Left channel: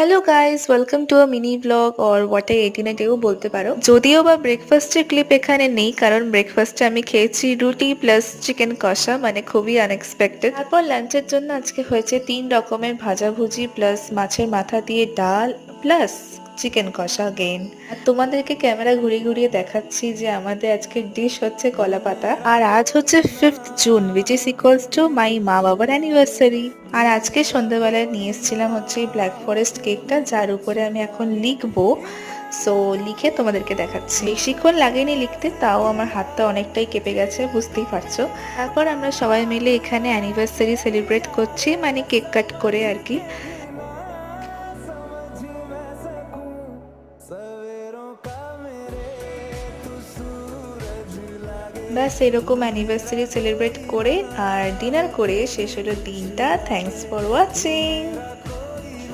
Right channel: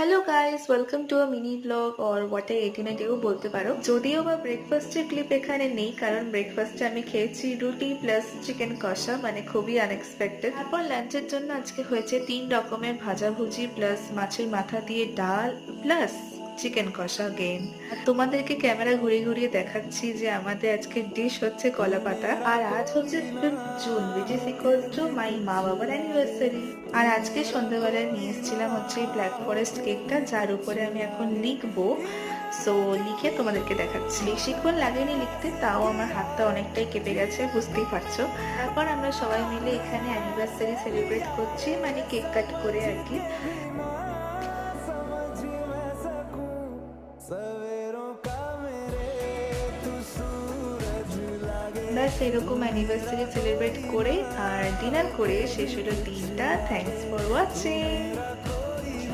Hello guys, welcome to a mini blog or what I eat in এও বলতে পারো। যদিও বা ব্রেকফাস্টের ক্লিপ এখানে নেই, কারণ ব্রেকফাস্টে আমি খেয়েছি রুটি প্লাস চিকেন কষা, মানে খুবই আনএক্সপেক্টেড। তারপর লাঞ্চের জন্য আজকে হয়েছে 3 রকমের ভাজাভুজি প্লাস মাছের মাথা দিয়ে ডাল প্লাস চিকেন কষা গেন। আর তোমাদেরকে ক্যামেরা ঘুরিয়ে ঘুরিয়ে দেখাচ্ছি যে আমাদের আজকের ডিশ হচ্ছে কলা পাতা। আর আজ হচ্ছে 5th June, which is equals to my মা বাবার অ্যানিভার্সারি। আর আজকে সন্ধ্যাবেলায় নিয়ে এসেছিলাম হচ্ছে ব্ল্যাক ফরেস্ট কেকটা, যার উপরে আমি এখন লিখবো। সো লিখে তোমাদেরকে দেখাচ্ছি। বেশিক্ষণ লাগেনি লিখতে, তাও আমার হাতটা অনেকটাই কেঁপে গেছে, বুঝতেই পারছো। তারপর আমরা সবাই মিলে এখানে অ্যানিভার্সারি সেলিব্রেট করছি, মানে কেক কাট করে আর কি। ব্যাস এরকম অ্যানিভার্সারি সেলিব্রেট করে আর ডিনার করে শেষ হলো দিনটা। Thanks for watching.